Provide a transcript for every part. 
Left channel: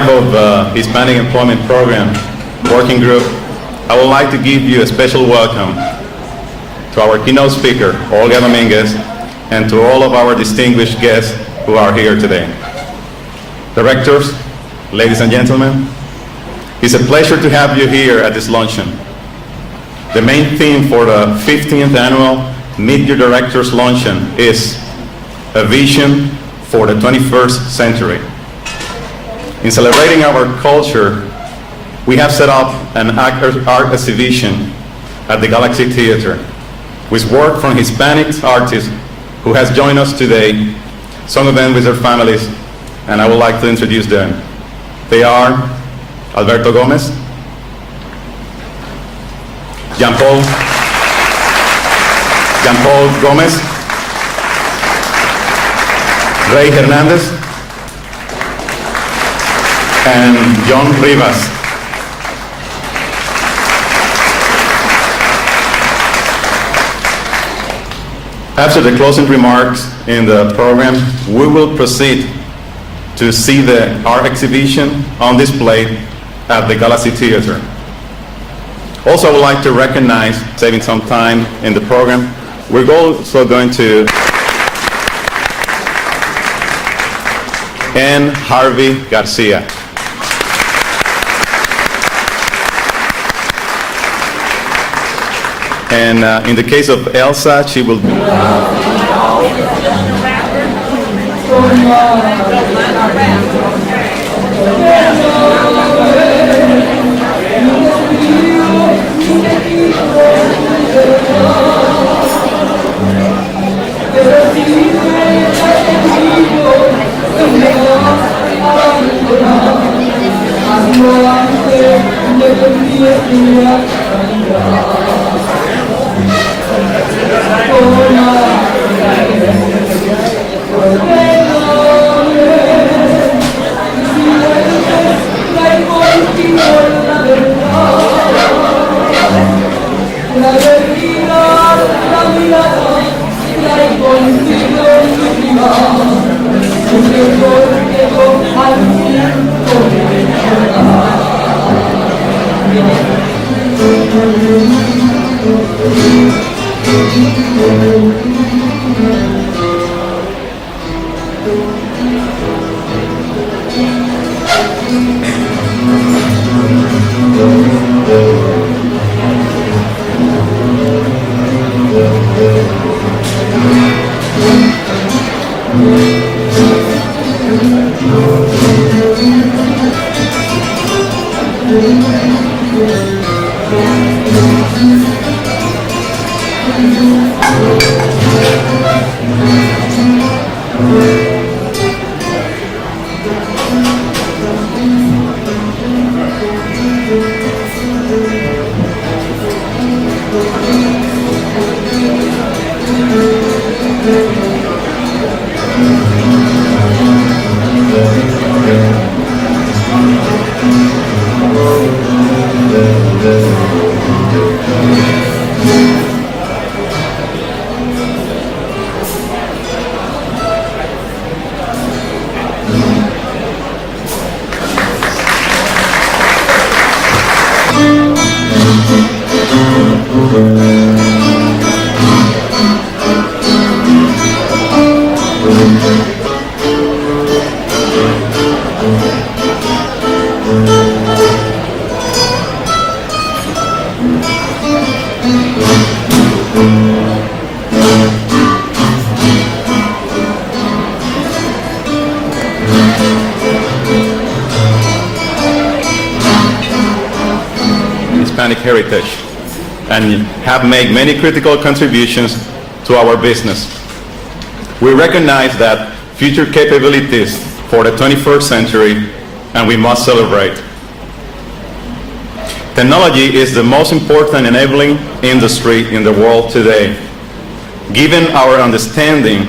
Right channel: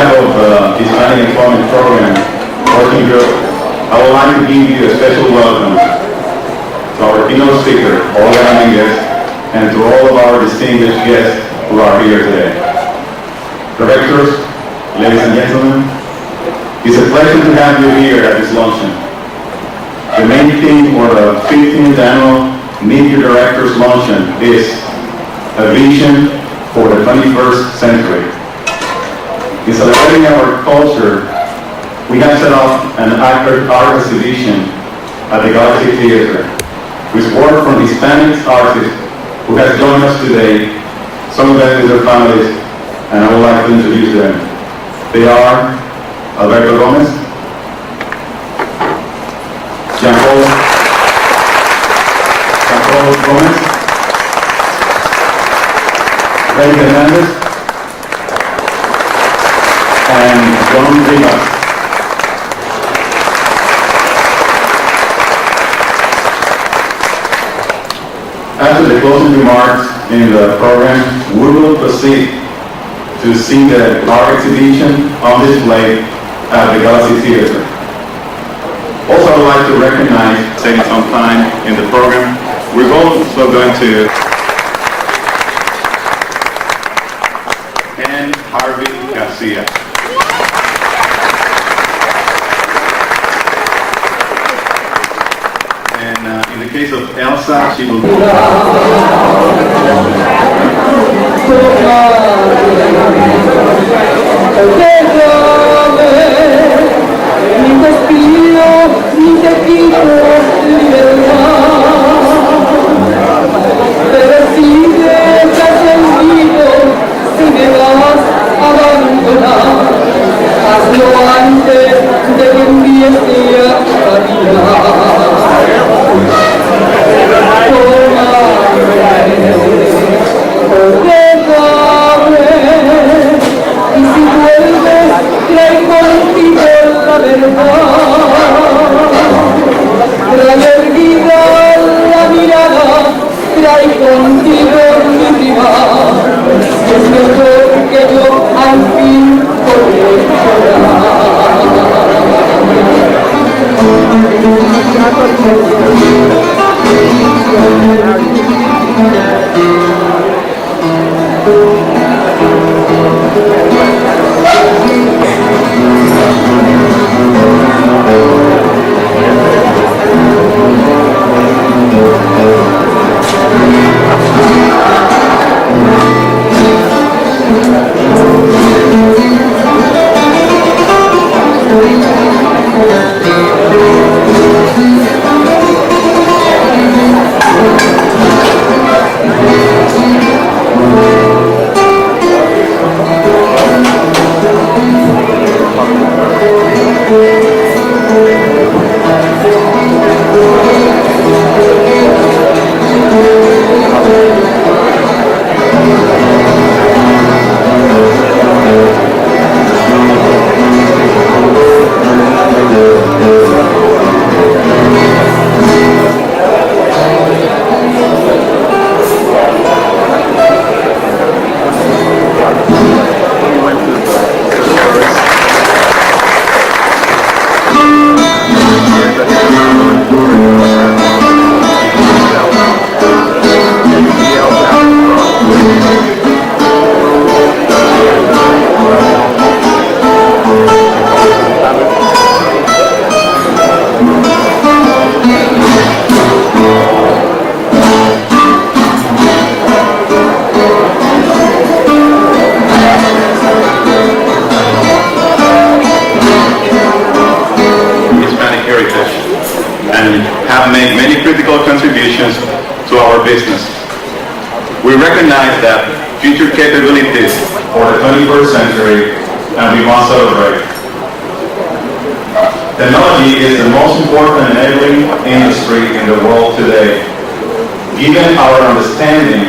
behalf of the Hispanic Employment Program Working Group, I would like to give you a special welcome to our keynote speaker, Olga Dominguez, and to all of our distinguished guests who are here today. Directors, ladies and gentlemen, it's a pleasure to have you here at this luncheon. The main theme for the 15th annual Meet Your Directors Luncheon is a vision for the 21st century. In celebrating our culture, we have set up an art exhibition at the Galaxy Theater with work from Hispanic artists who has joined us today, some of them with their families, and I would like to introduce them. They are Alberto Gomez, Jean Paul Gomez, Ray Hernandez, and John Rivas. After the closing remarks in the program, we will proceed to see the art exhibition on display at the Galaxy Theater. Also, I would like to recognize, taking some time in the program, we're also going to N. Harvey Garcia. And in the case of Elsa, she will made many critical contributions to our business. We recognize that future capabilities for the 21st century, and we must celebrate. Technology is the most important enabling industry in the world today. Given our understanding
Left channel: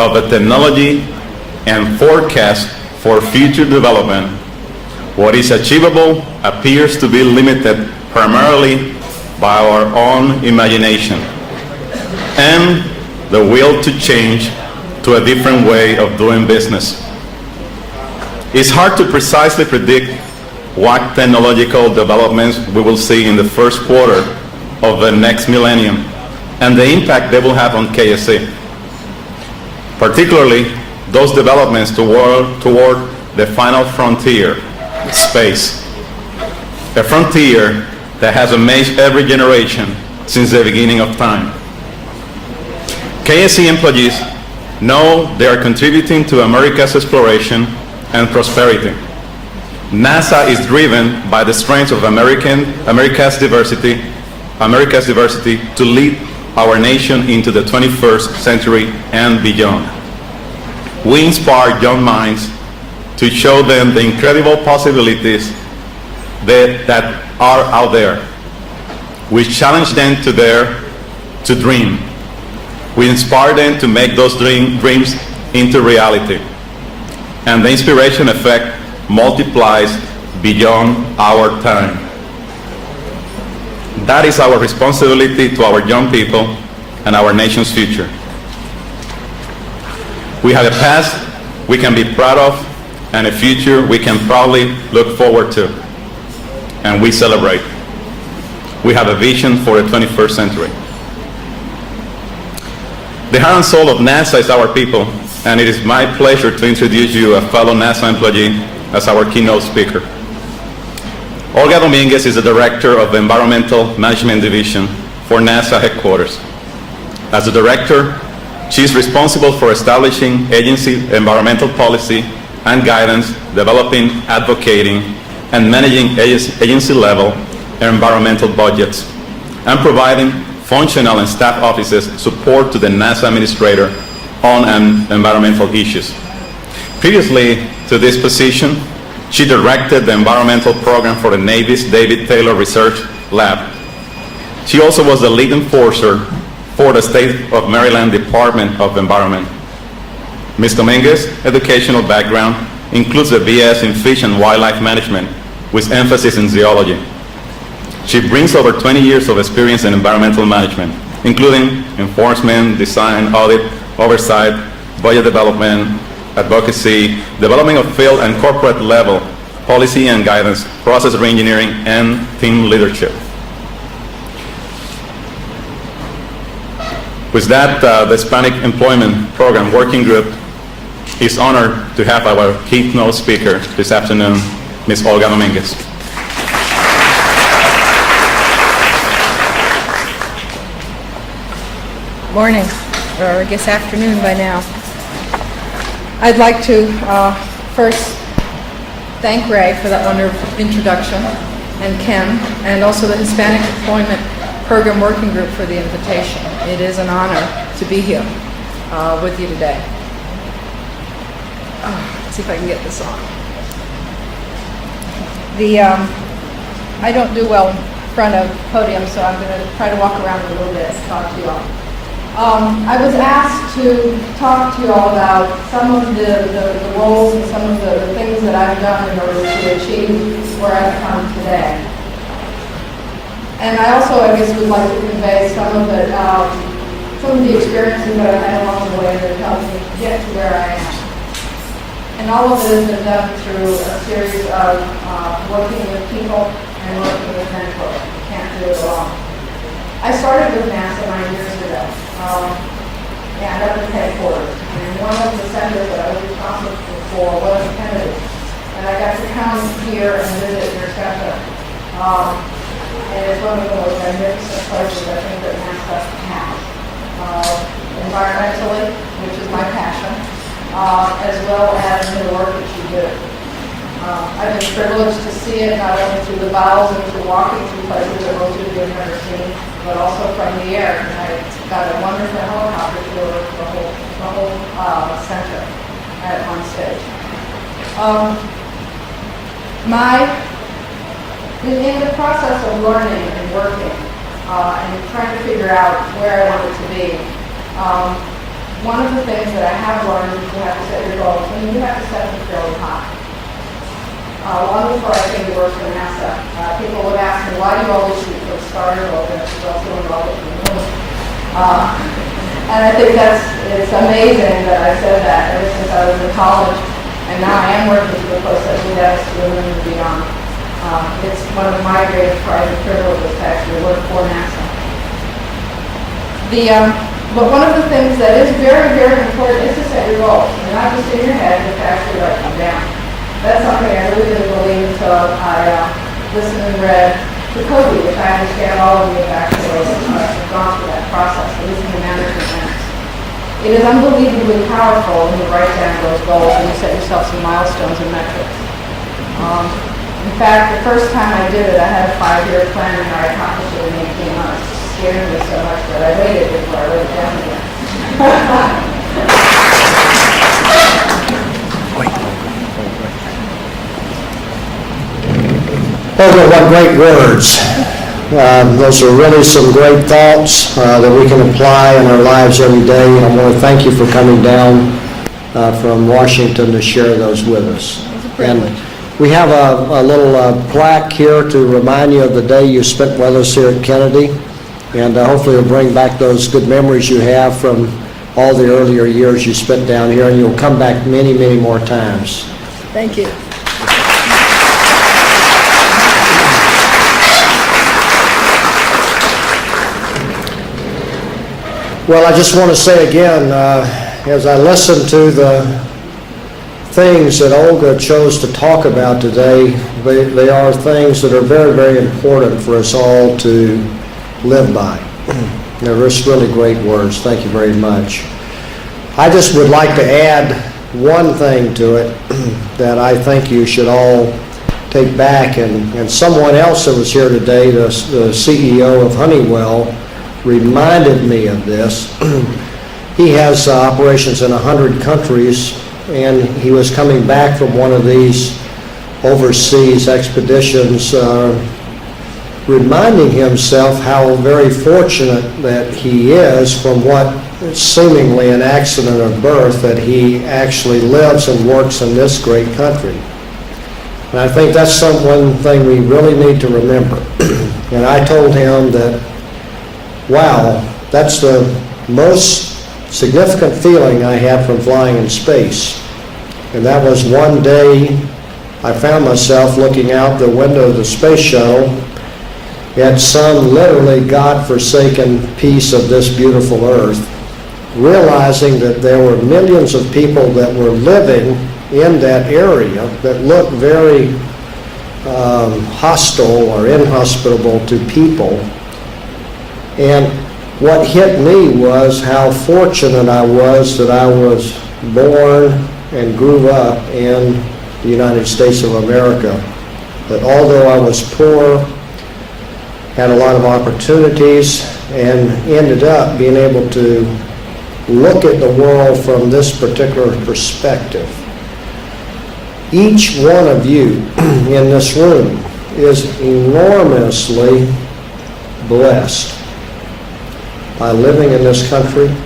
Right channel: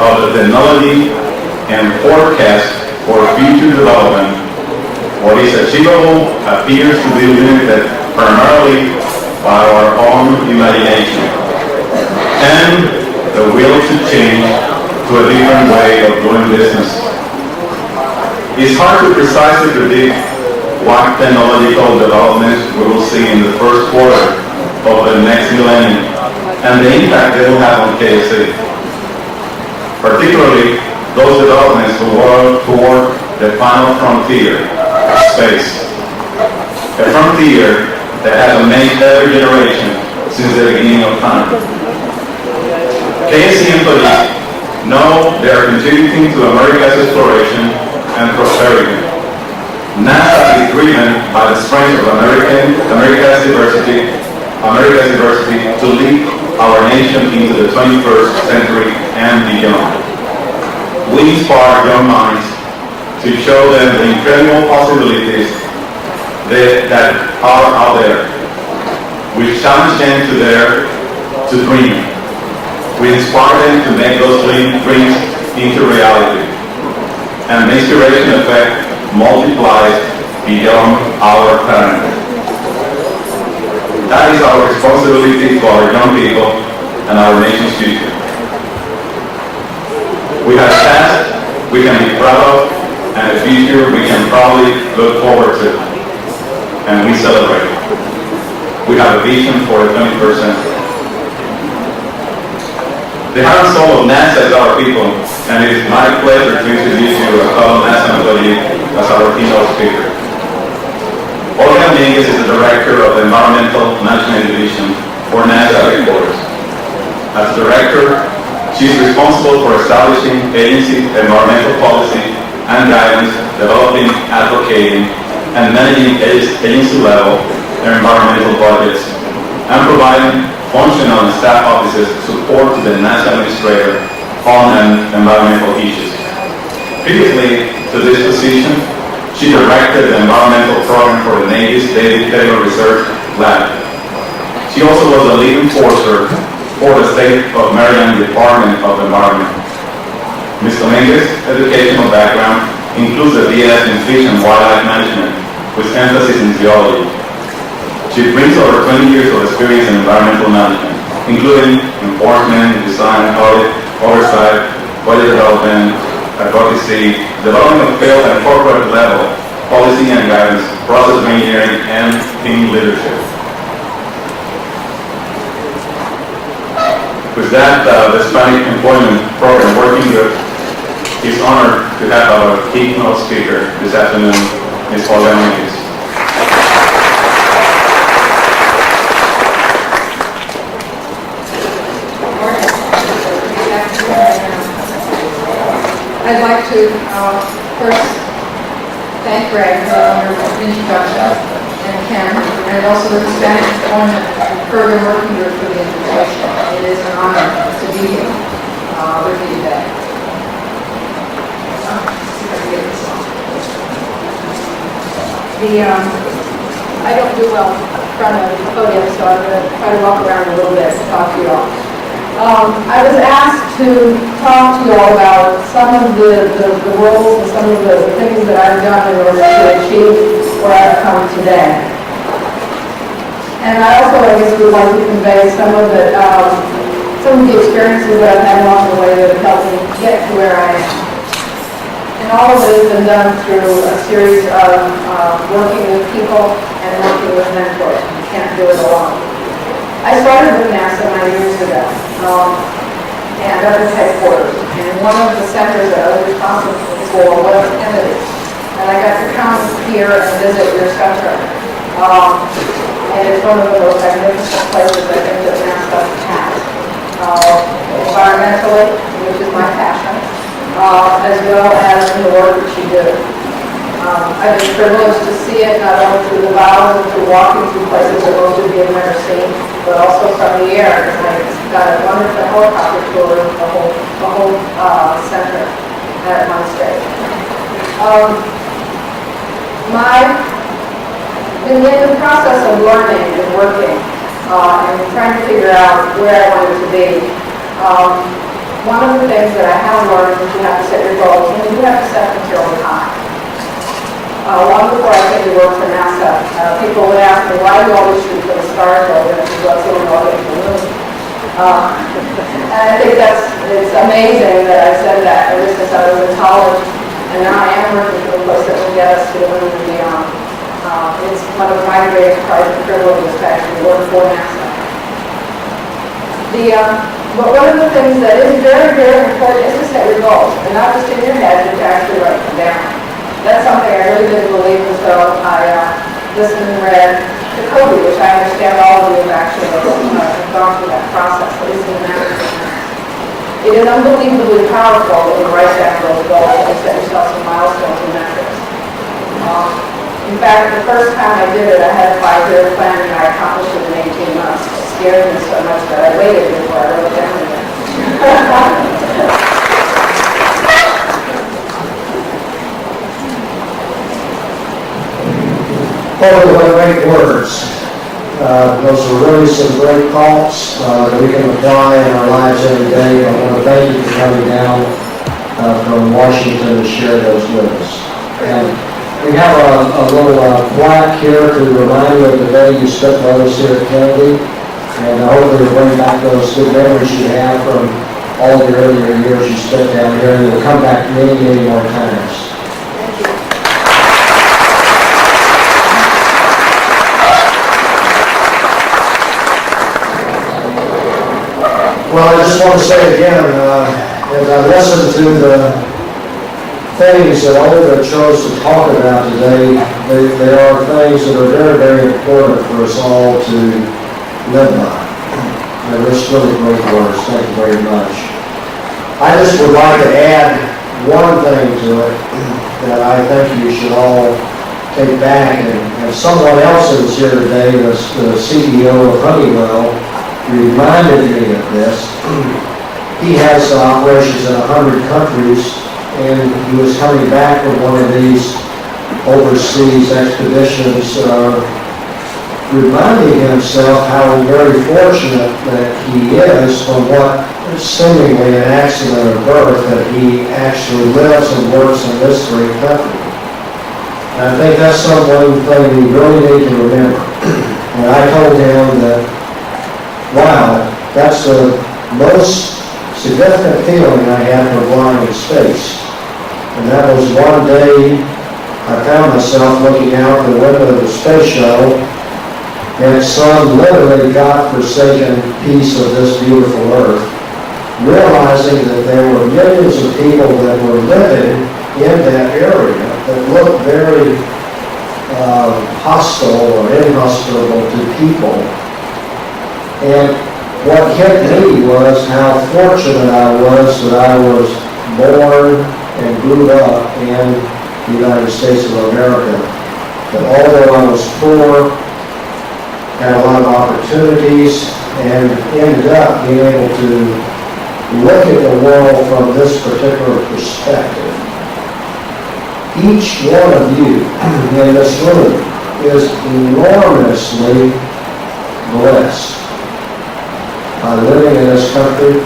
of the technology and forecast for future development, what is achievable appears to be limited primarily by our own imagination and the will to change to a different way of doing business. It's hard to precisely predict what technological developments we will see in the first quarter of the next millennium and the impact they will have on KSA. Particularly, those developments toward the final frontier, space. A frontier that has amazed every generation since the beginning of time. KSC employees know they are contributing to America's exploration and prosperity. NASA is driven by the strength of America's diversity to lead our nation into the 21st century and beyond. We inspire young minds to show them the incredible possibilities that are out there. We challenge them to dream. We inspire them to make those dreams into reality. And the inspiration effect multiplies beyond our time. That is our responsibility to our young people and our nation's future. We have a past we can be proud of and a future we can proudly look forward to. And we celebrate. We have a vision for a 21st century. The heart and soul of NASA is our people, and it is my pleasure to introduce you a fellow NASA employee as our keynote speaker. Olga Dominguez is the Director of the Environmental Management Division for NASA headquarters. As a director, she is responsible for establishing agency environmental policy and guidance, developing, advocating, and managing agency-level environmental budgets, and providing functional and staff offices support to the NASA administrator on environmental issues. Previously to this position, she directed the environmental program for the Navy's David Taylor Research Lab. She also was the lead enforcer for the State of Maryland Department of Environment. Ms. Dominguez's educational background includes a BS in Fish and Wildlife Management with emphasis in zoology. She brings over 20 years of experience in environmental management, including enforcement, design, audit, oversight, budget development, advocacy, development of field and corporate level, policy and guidance, process reengineering, and team leadership. With that, the Hispanic Employment Program Working Group is honored to have our keynote speaker this afternoon, Ms. Olga Dominguez. Morning, or this afternoon by now. I'd like to first thank Greg for the wonderful introduction, and Ken, and also the Hispanic Employment Program Working Group for the invitation. It is an honor to be here with you today. Let's see if I can get this on. I don't do well in front of the podium, so I'm going to try to walk around a little bit and talk to you all. I was asked to talk to you all about some of the roles and some of the things that I've done in order to achieve where I've come today. And I also, I guess, would like to convey some of the experiences that I've had along the way that have helped me get to where I am. And all of it has been done through a series of working with people and working with mentors. You can't do it alone. I started with NASA 9 years ago, and at its headquarters. And one of the centers that I was responsible for was Kennedy. And I got to come here and visit your center. And it's one of the most magnificent places I think that NASA has. Environmentally, which is my passion, as well as the work that you do. I've been privileged to see it not only through the bowels and through walking through places that most of you have never seen, but also from the air. And I got a wonderful helicopter tour of the whole center at one stage. In the process of learning and working and trying to figure out where I wanted to be, one of the things that I have learned is you have to set your goals, and you have to set them fairly high. Long before I came to work for NASA, people would ask me, why do you always shoot for the star and go, what's the world get to the moon? And I think it's amazing that I said that ever since I was in college, and now I am working for the post that will get us to the moon and beyond. It's one of my greatest private privileges to actually work for NASA. But one of the things that is very, very important is to set your goals, and not just in your head, but to actually write them down. That's something I really didn't believe, and so I listened and read the code, which I understand all of you have actually gone through that process, at least in the management. It is unbelievably powerful when you write down those goals and you set yourself some milestones and metrics. In fact, the first time I did it, I had a 5-year plan and I accomplished it in 18 months. It scared me so much that I waited before I wrote it down again. Oh, what great words. Those are really some great thoughts that we can apply in our lives every day. I want to thank you for coming down from Washington to share those with us. And we have a little plaque here to remind you of the day you spent with us here at Kennedy, and hopefully bring back those good memories you have from all the earlier years you spent down here, and we'll come back many, many more times. Thank you. Well, I just want to say again, as I listened to the things that Olga chose to talk about today, they are things that are very, very important for us all to live by. They're just really great words. Thank you very much. I just would like to add one thing to it that I think you should all take back, and someone else that was here today, the CEO of Honeywell, reminded me of this. He has operations in 100 countries, and he was coming back from one of these overseas expeditions, reminding himself how very fortunate that he is from what seemingly an accident of birth, that he actually lives and works in this great country. And I think that's one thing we really need to remember. And I told him that, wow, that's the most significant feeling I had from flying in space. And that was one day I found myself looking out the window of the space shuttle and some literally God-forsaken piece of this beautiful earth, realizing that there were millions of people that were living in that area that looked very hostile or inhospitable to people. And what hit me was how fortunate I was that I was born and grew up in the United States of America. That although I was poor, had a lot of opportunities, and ended up being able to look at the world from this particular perspective. Each one of you in this room is enormously blessed by living in this country,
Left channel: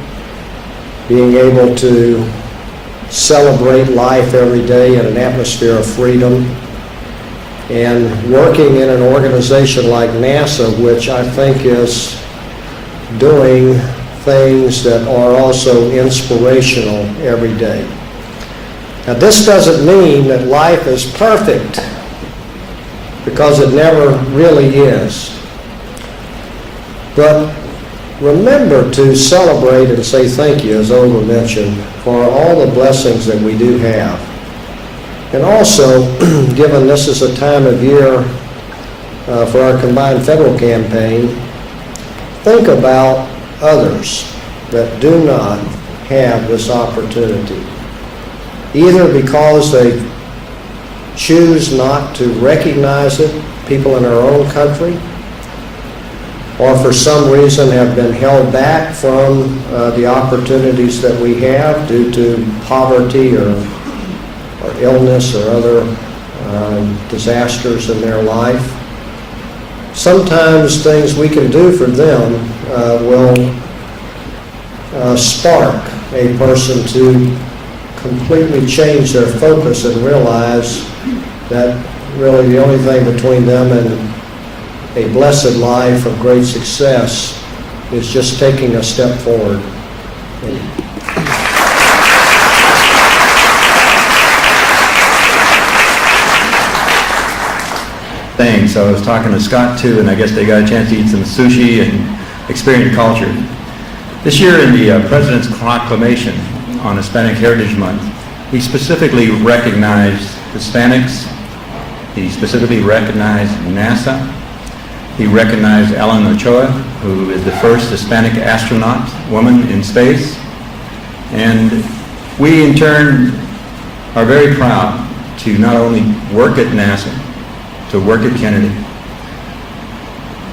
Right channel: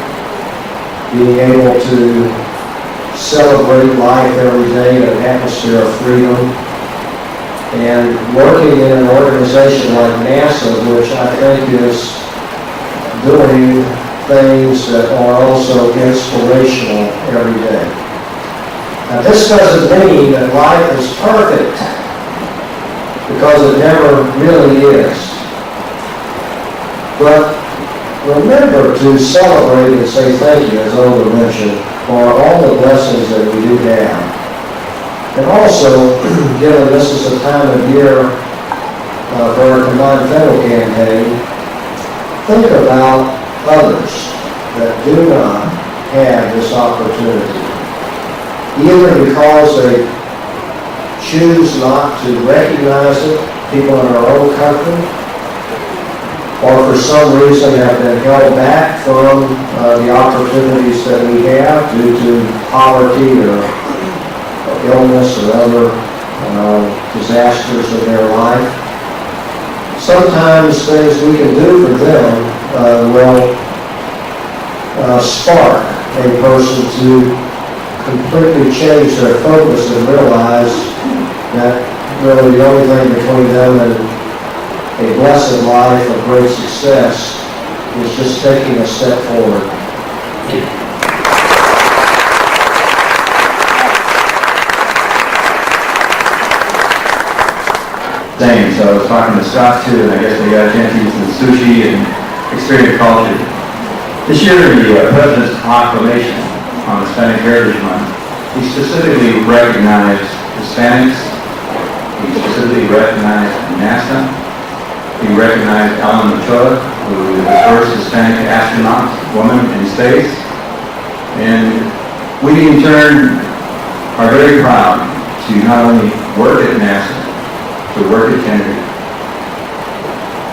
being able to celebrate life every day in an atmosphere of freedom, and working in an organization like NASA, which I think is doing things that are also inspirational every day. Now, this doesn't mean that life is perfect, because it never really is. But remember to celebrate and say thank you, as Olga mentioned, for all the blessings that we do have. And also, given this is a time of year for our combined federal campaign, think about others that do not have this opportunity, either because they choose not to recognize it, people in our own country, or for some reason have been held back from the opportunities that we have due to poverty or illness or other disasters in their life. Sometimes things we can do for them will spark a person to completely change their focus and realize that really the only thing between them and a blessed life of great success is just taking a step forward. Thank you. Scott too, and I guess they got a chance to eat some sushi and experience the culture. This year in the President's Proclamation on Hispanic Heritage Month, he specifically recognized Hispanics, he specifically recognized NASA, he recognized Ellen Ochoa, who is the first Hispanic astronaut woman in space, and we in turn are very proud to not only work at NASA, to work at Kennedy.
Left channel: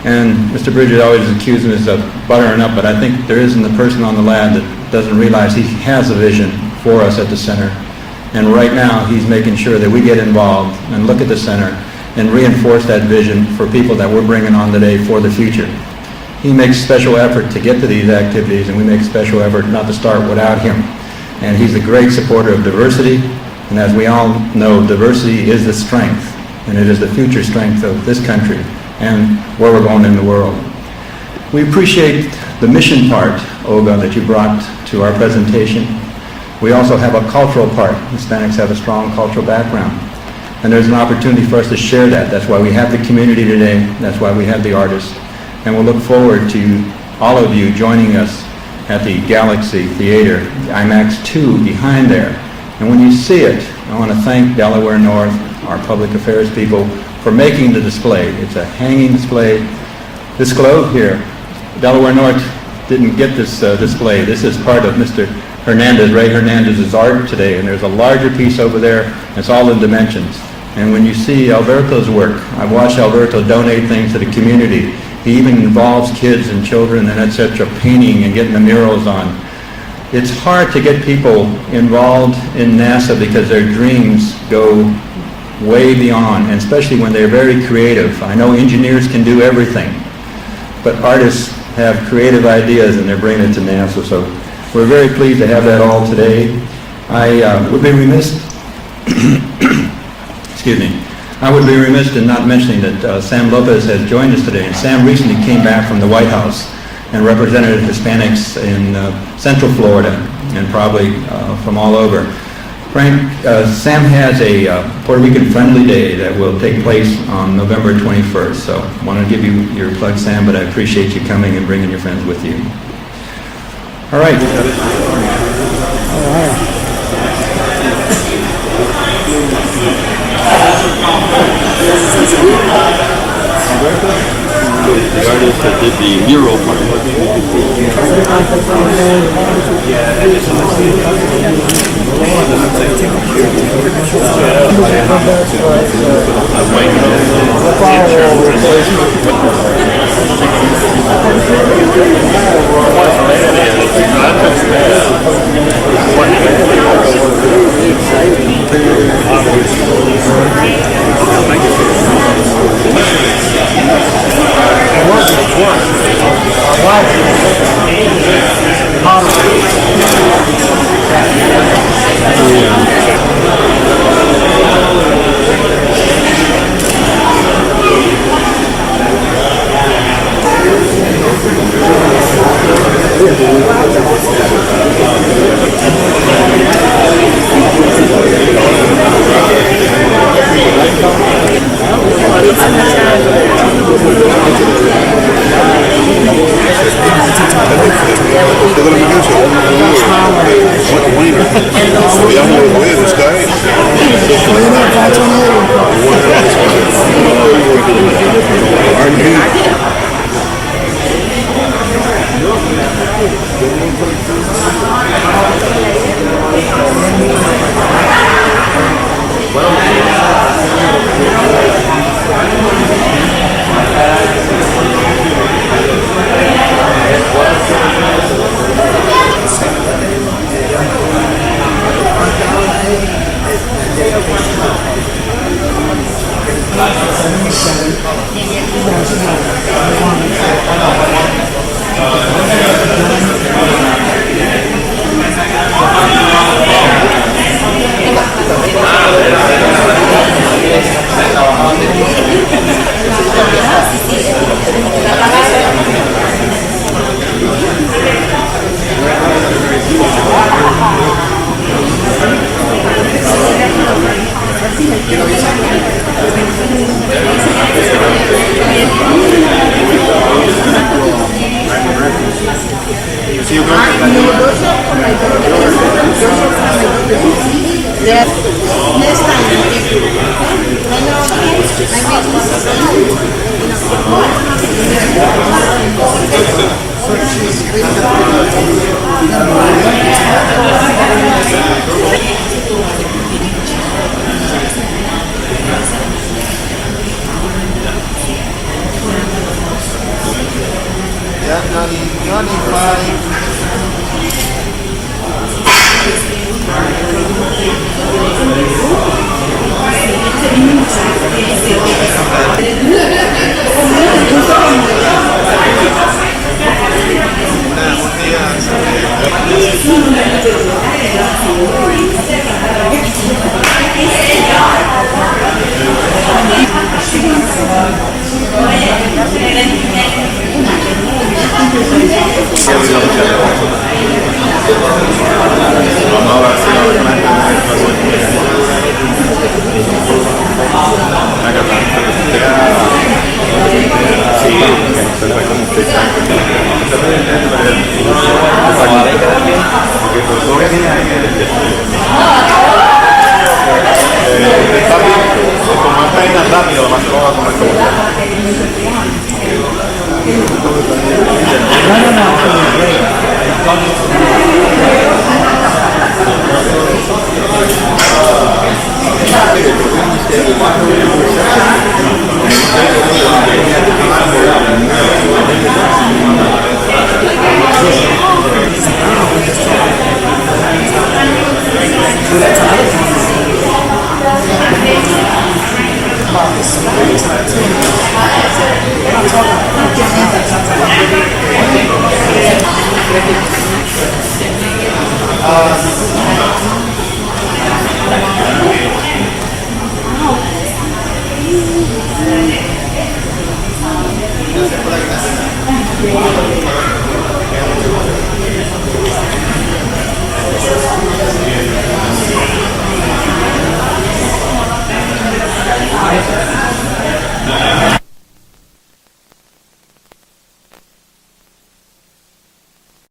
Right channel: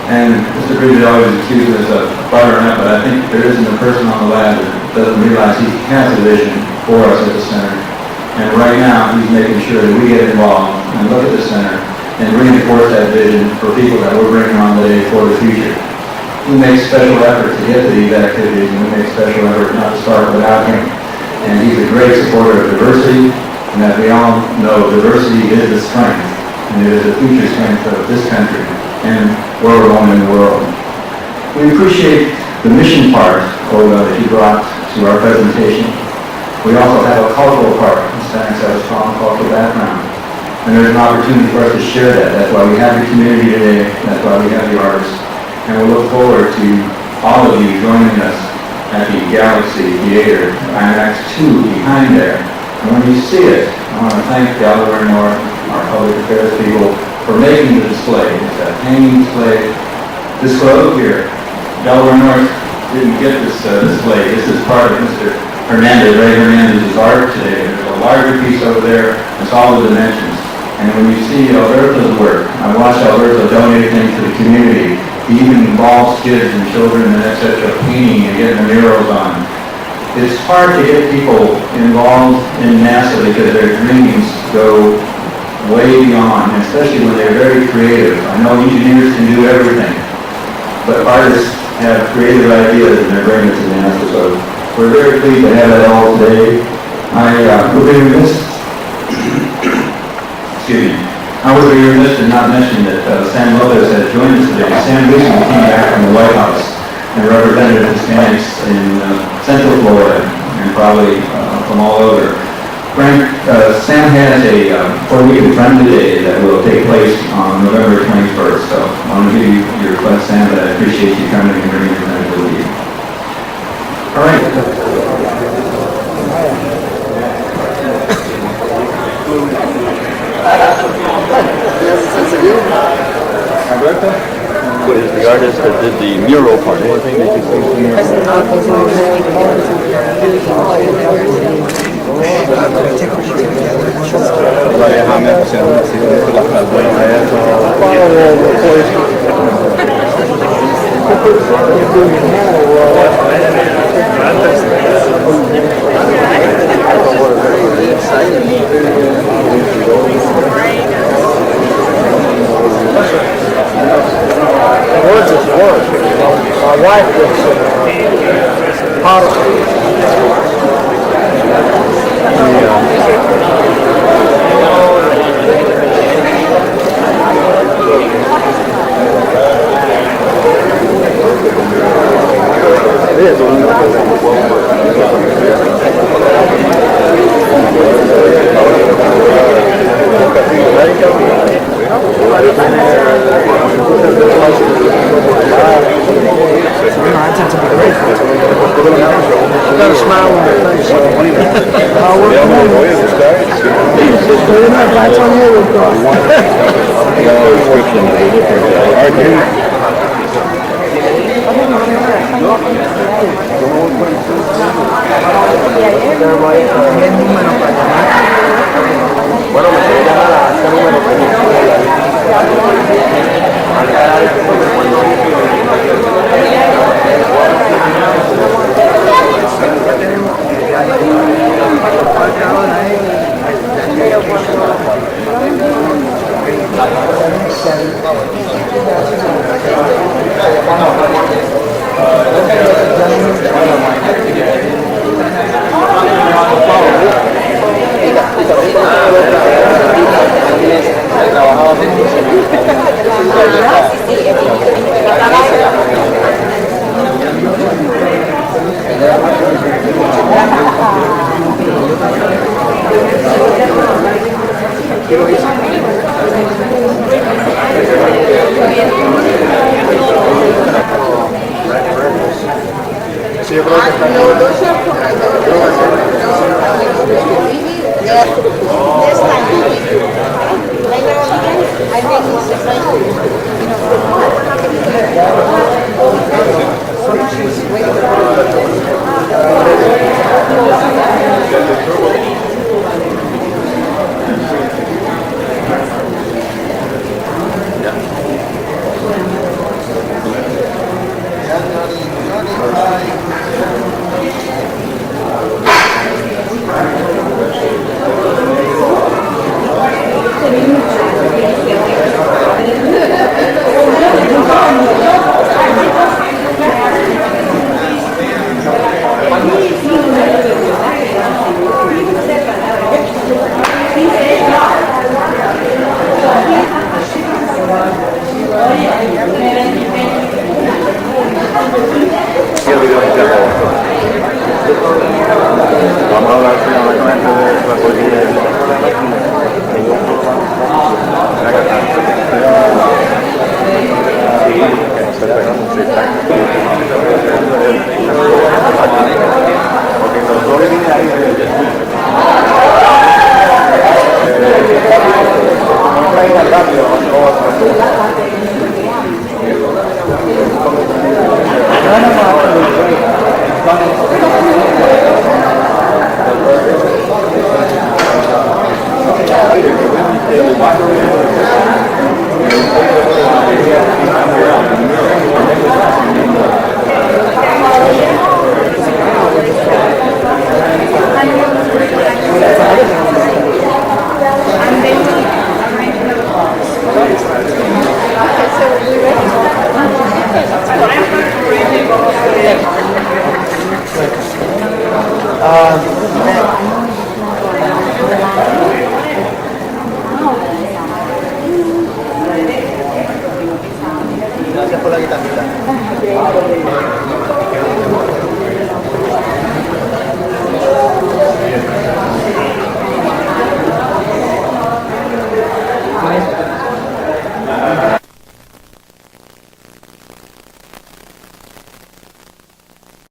And Mr. Bridges always accuses us of buttering up, but I think there isn't a person on the lab that doesn't realize he has a vision for us at the center. And right now, he's making sure that we get involved and look at the center and reinforce that vision for people that we're bringing on today for the future. He makes special effort to get to these activities, and we make special effort not to start without him. And he's a great supporter of diversity, and as we all know, diversity is a strength, and it is the future strength of this country and where we're going in the world. We appreciate the mission part, Olga, that you brought to our presentation. We also have a cultural part. Hispanics have a strong cultural background, and there's an opportunity for us to share that. That's why we have the community today. That's why we have the artists. And we'll look forward to all of you joining us at the Galaxy Theater, IMAX 2 behind there. And when you see it, I want to thank Delaware North, our public affairs people, for making the display. It's a hanging display. This globe here, Delaware North didn't get this display. This is part of Mr. Ray Hernandez's art today. There's a larger piece over there. It's all the dimensions. And when you see Alberto's work, I watched Alberto donate things to the community. He even involves kids and children and etc. painting and getting the murals on. It's hard to get people involved in NASA because their dreams go way beyond, and especially when they're very creative. I know engineers can do everything, but artists have creative ideas and they're bringing to NASA. So we're very pleased to have that all today. I would be remiss, excuse me, I would be remiss in not mentioning that Sam Lopez has joined us today. Sam recently came back from the White House and represented Hispanics in Central Florida and probably from all over. Frank, Sam has a Puerto Rican Friendly Day that will take place on November 21st. So I want to give you your request, Sam, but I appreciate you coming and bringing your friends with you. All right. Alberto? The artist that did the mural part. No, those are for my daughter. Those are for my daughter. Yes. Next time, thank you. I know,